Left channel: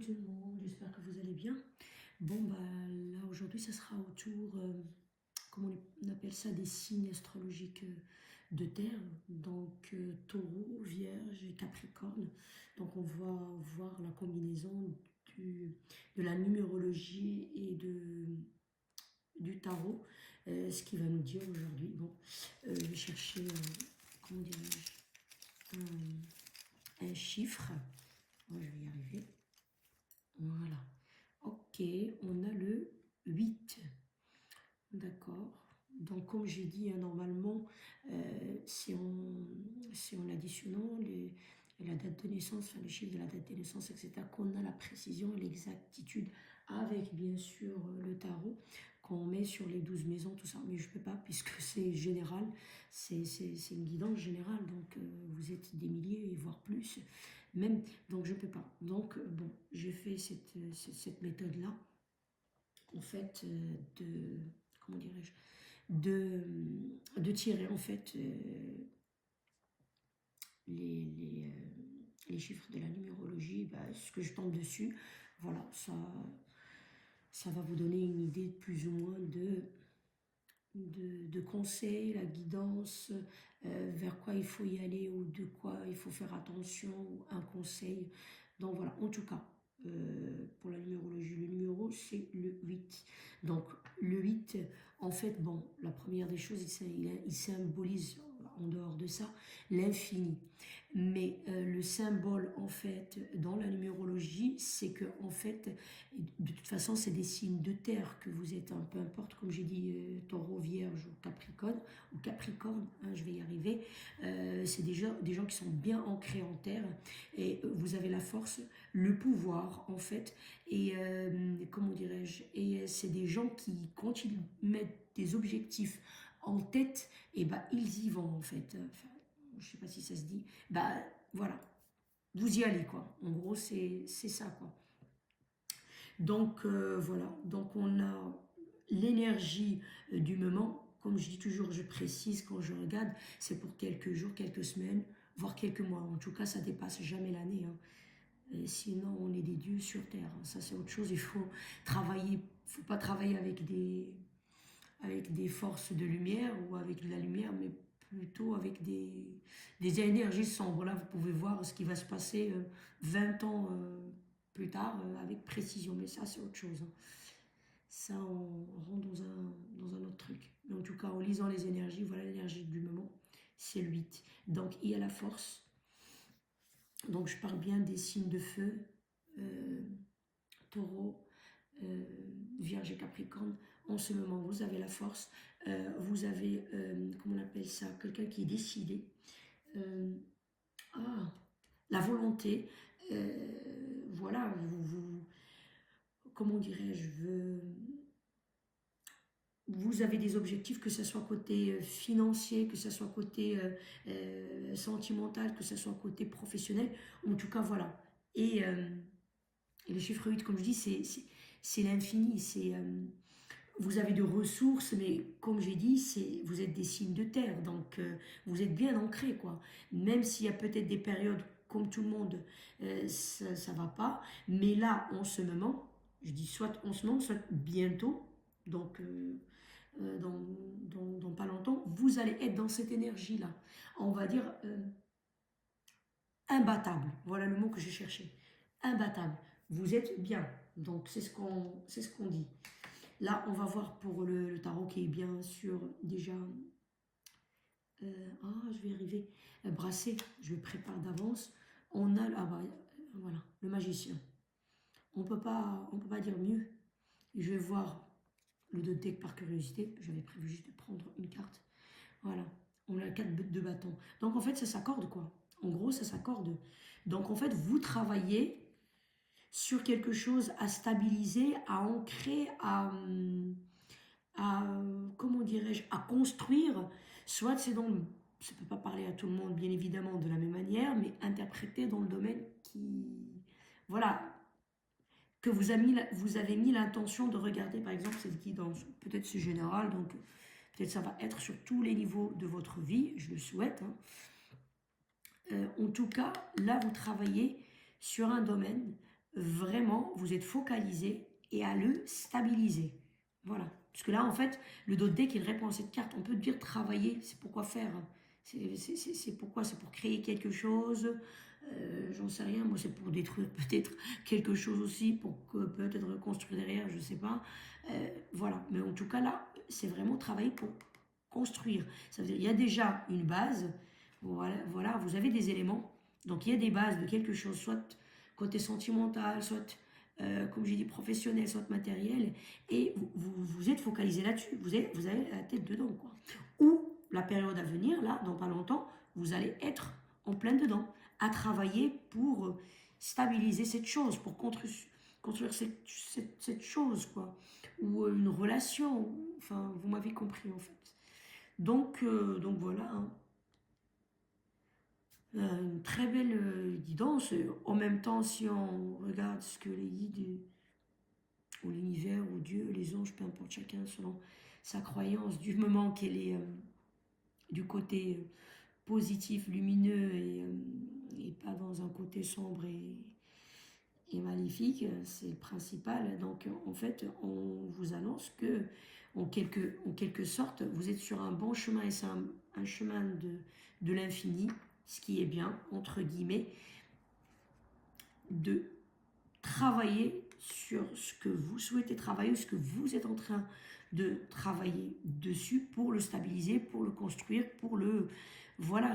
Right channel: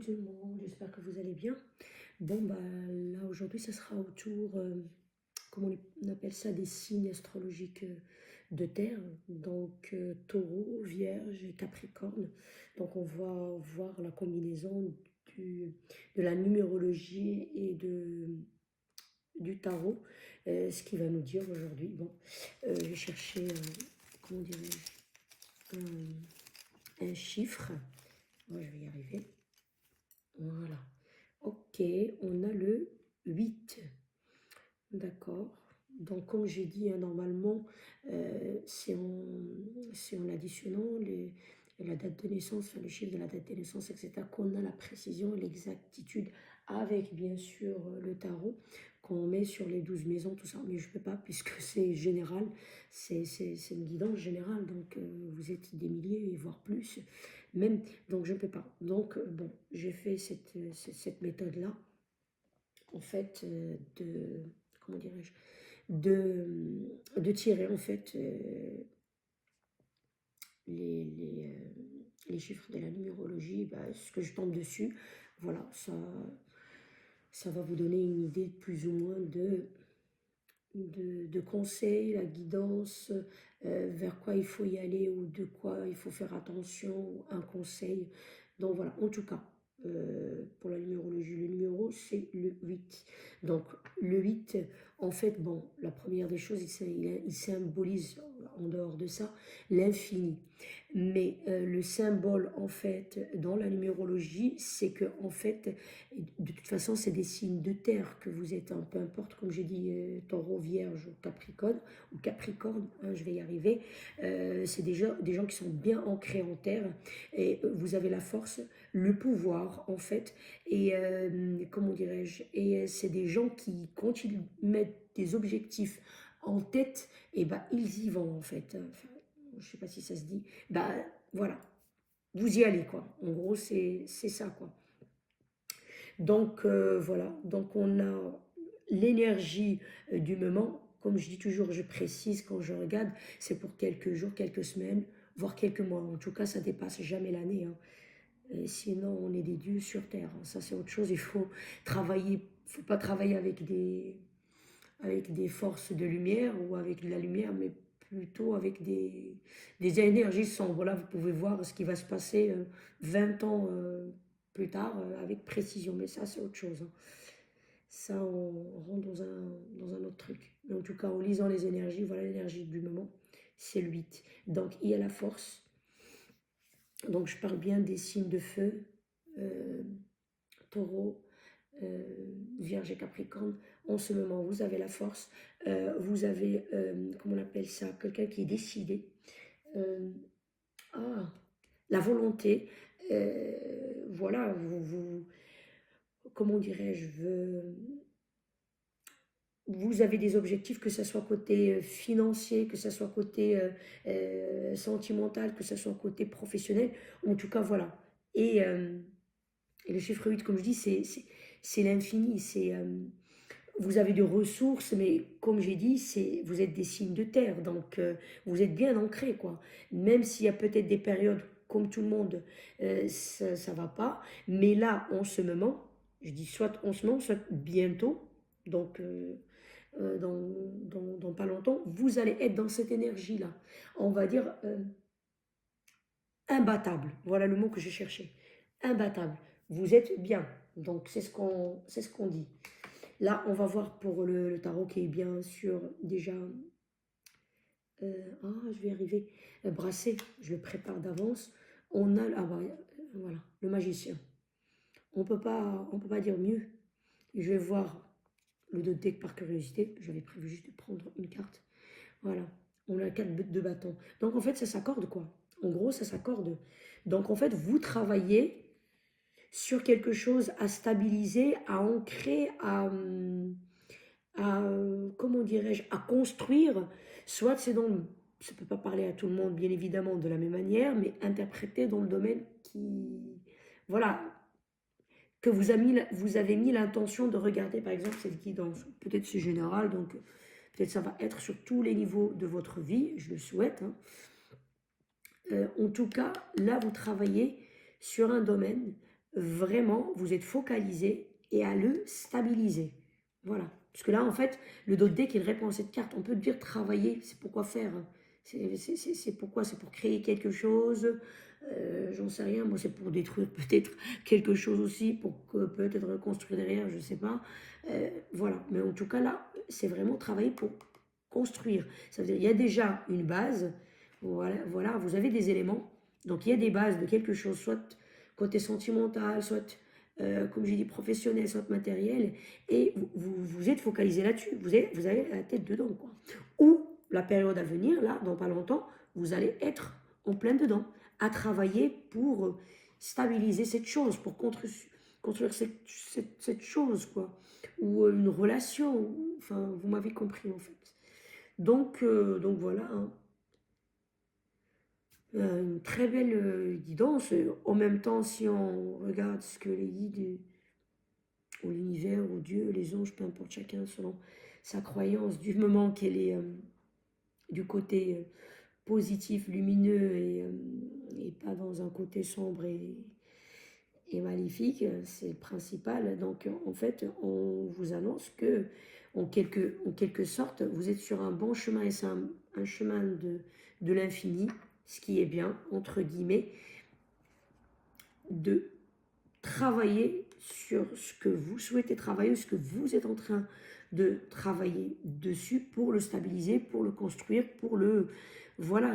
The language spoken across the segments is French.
tout le monde, j'espère que vous allez bien. Bon, bah là aujourd'hui, ce sera autour, comment on appelle ça, des signes astrologiques de terre, donc taureau, vierge et capricorne. Donc on va voir la combinaison de la numérologie et du tarot, ce qu'il va nous dire aujourd'hui. Bon, je vais chercher, comment dirais-je, un chiffre. Moi, je vais y arriver. Voilà. Ok, on a le 8. D'accord. Donc, comme j'ai dit, hein, normalement, c'est en additionnant la date de naissance, enfin, les chiffres de la date de naissance, etc., qu'on a la précision et l'exactitude avec, bien sûr, le tarot, qu'on met sur les 12 maisons, tout ça. Mais je ne peux pas, puisque c'est général, c'est une guidance générale, donc vous êtes des milliers, voire plus, même, donc je ne peux pas. Donc, bon, j'ai fait cette méthode-là, en fait, comment dirais-je, de tirer en fait les chiffres de la numérologie, bah, ce que je tombe dessus, voilà, ça va vous donner une idée plus ou moins de conseils, la guidance, vers quoi il faut y aller ou de quoi il faut faire attention, un conseil. Donc voilà, en tout cas, pour la numérologie, le numéro c'est le 8. Donc le 8, en fait, bon, la première des choses, il symbolise en dehors de ça l'infini. Mais le symbole, en fait, dans la numérologie, c'est que, en fait, de toute façon, c'est des signes de terre que vous êtes, peu importe, comme j'ai dit, taureau, vierge ou Capricorne, hein, je vais y arriver. C'est déjà des gens qui sont bien ancrés en terre et vous avez la force, le pouvoir, en fait. Et comment dirais-je? Et c'est des gens qui, quand ils mettent des objectifs en tête, et ben, ils y vont, en fait. Enfin, je sais pas si ça se dit. Ben, voilà. Vous y allez, quoi. En gros, c'est ça, quoi. Donc voilà, donc on a l'énergie du moment. Comme je dis toujours, je précise quand je regarde, c'est pour quelques jours, quelques semaines, voire quelques mois. En tout cas, ça dépasse jamais l'année, hein. Et sinon, on est des dieux sur Terre, hein. Ça, c'est autre chose. Il faut travailler. Il faut pas travailler avec des forces de lumière ou avec de la lumière, mais plutôt avec des énergies sombres. Là, vous pouvez voir ce qui va se passer 20 ans plus tard avec précision. Mais ça, c'est autre chose, hein. Ça, on rentre dans un autre truc. Mais en tout cas, en lisant les énergies, voilà l'énergie du moment, c'est le 8. Donc, il y a la force. Donc, je parle bien des signes de feu, euh, taureau, Vierge et Capricorne. En ce moment, vous avez la force. Vous avez, comment on appelle ça, quelqu'un qui est décidé. Euh, ah, la volonté. Voilà, comment dirais-je, vous avez des objectifs, que ce soit côté financier, que ce soit côté sentimental, que ce soit côté professionnel. En tout cas, voilà. Et le chiffre 8, comme je dis, c'est l'infini. Vous avez des ressources, mais comme j'ai dit, vous êtes des signes de terre, donc vous êtes bien ancrés, quoi. Même s'il y a peut-être des périodes, comme tout le monde, ça va pas. Mais là, en ce moment, je dis soit en ce moment, soit bientôt, donc dans pas longtemps, vous allez être dans cette énergie-là. On va dire imbattable. Voilà le mot que je cherchais. Imbattable. Vous êtes bien. Donc c'est ce qu'on dit. Là, on va voir pour le tarot qui est bien sûr déjà... je vais y arriver. Brassé, je le prépare d'avance. On a... Ah bah, voilà, le magicien. On peut pas dire mieux. Je vais voir le deux de deck par curiosité. J'avais prévu juste de prendre une carte. Voilà, on a 4 de bâton. Donc en fait, ça s'accorde quoi. En gros, ça s'accorde. Donc en fait, vous travaillez sur quelque chose à stabiliser, à ancrer, comment dirais-je, à construire. Soit c'est dans le, ça peut pas parler à tout le monde, bien évidemment, de la même manière, mais interprété dans le domaine qui, voilà, que vous avez mis l'intention de regarder, par exemple, cette guidance. Peut-être c'est général, donc peut-être ça va être sur tous les niveaux de votre vie, je le souhaite, hein. En tout cas, là, vous travaillez sur un domaine vraiment, vous êtes focalisé et à le stabiliser. Voilà. Parce que là, en fait, le dos de deck, il répond à cette carte. On peut dire travailler, c'est pourquoi faire. C'est pourquoi, c'est pour créer quelque chose. J'en sais rien. Moi, c'est pour détruire peut-être quelque chose aussi, pour peut-être reconstruire derrière, je sais pas. Voilà. Mais en tout cas, là, c'est vraiment travailler pour construire. Ça veut dire, il y a déjà une base. Voilà, voilà, vous avez des éléments. Donc, il y a des bases de quelque chose, soit côté sentimental, soit, comme j'ai dit, professionnel, soit matériel, et vous êtes focalisé là-dessus, vous avez la tête dedans, quoi. Ou la période à venir, là, dans pas longtemps, vous allez être en plein dedans, à travailler pour stabiliser cette chose, pour construire cette chose, quoi. Ou une relation, enfin, vous m'avez compris, en fait. Donc voilà, hein. Une très belle guidance. En même temps, si on regarde ce que les guides ou l'univers ou Dieu, les anges, peu importe chacun selon sa croyance, du moment qu'elle est du côté positif, lumineux et pas dans un côté sombre et maléfique, c'est le principal. Donc en fait, on vous annonce que en quelque sorte, vous êtes sur un bon chemin et c'est un chemin de l'infini, ce qui est bien, entre guillemets, de travailler sur ce que vous souhaitez travailler, ce que vous êtes en train de travailler dessus pour le stabiliser, pour le construire, pour le... Voilà,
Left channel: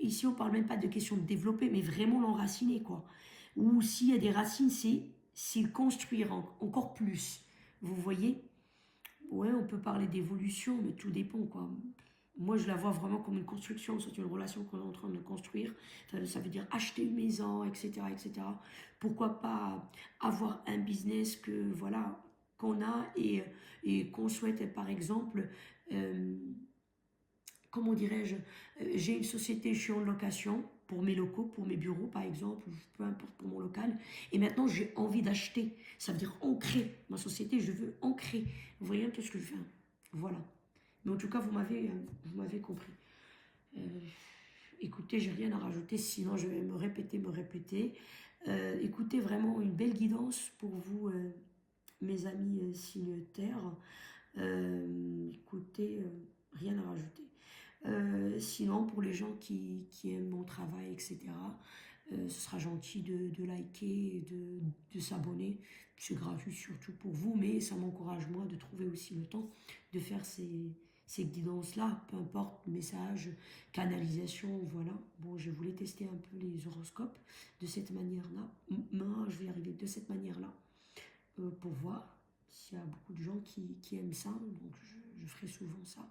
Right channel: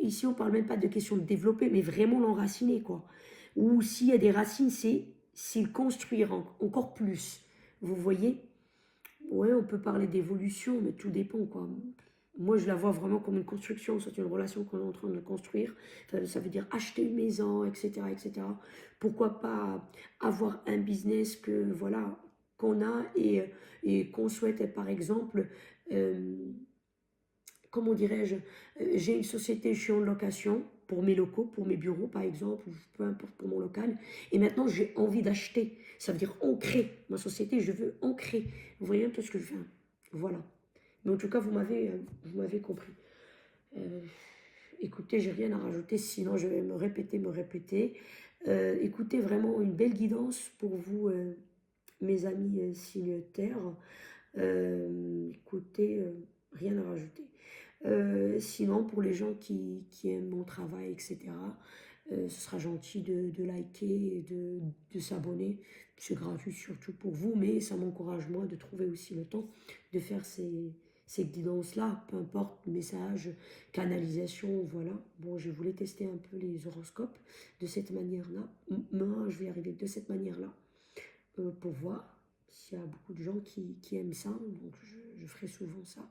ici on parle même pas de question de développer, mais vraiment l'enraciner, quoi. Ou s'il y a des racines, c'est le construire encore plus. Vous voyez? Ouais, on peut parler d'évolution, mais tout dépend, quoi. Moi, je la vois vraiment comme une construction, c'est une relation qu'on est en train de construire. Ça veut dire acheter une maison, etc., etc. Pourquoi pas avoir un business que, voilà, qu'on a et qu'on souhaite, par exemple, euh, comment dirais-je, j'ai une société, je suis en location pour mes locaux, pour mes bureaux par exemple, ou peu importe pour mon local, et maintenant j'ai envie d'acheter. Ça veut dire ancrer ma société, je veux ancrer. Vous voyez un peu ce que je fais. Voilà. Mais en tout cas, vous m'avez compris. Euh, Écoutez, j'ai rien à rajouter, sinon je vais me répéter. Écoutez, vraiment une belle guidance pour vous, mes amis signes terre. Écoutez, rien à rajouter. Sinon, pour les gens qui aiment mon travail, etc., ce sera gentil de liker et de s'abonner. C'est gratuit surtout pour vous, mais ça m'encourage moi de trouver aussi le temps de faire ces guidances-là, peu importe, message, canalisation, voilà. Bon, je voulais tester un peu les horoscopes de cette manière-là. Moi, je vais y arriver de cette manière-là pour voir s'il y a beaucoup de gens qui aiment ça. Donc, je ferai souvent ça.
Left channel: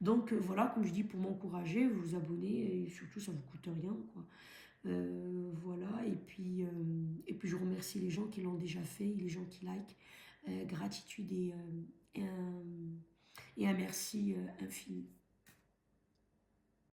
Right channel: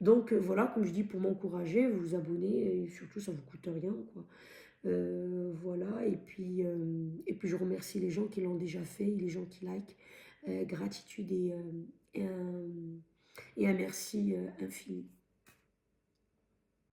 Donc voilà, comme je dis, pour m'encourager, vous vous abonnez et surtout ça vous coûte rien, quoi. Voilà, et puis je remercie les gens qui l'ont déjà fait, les gens qui like. Gratitude et un merci infini.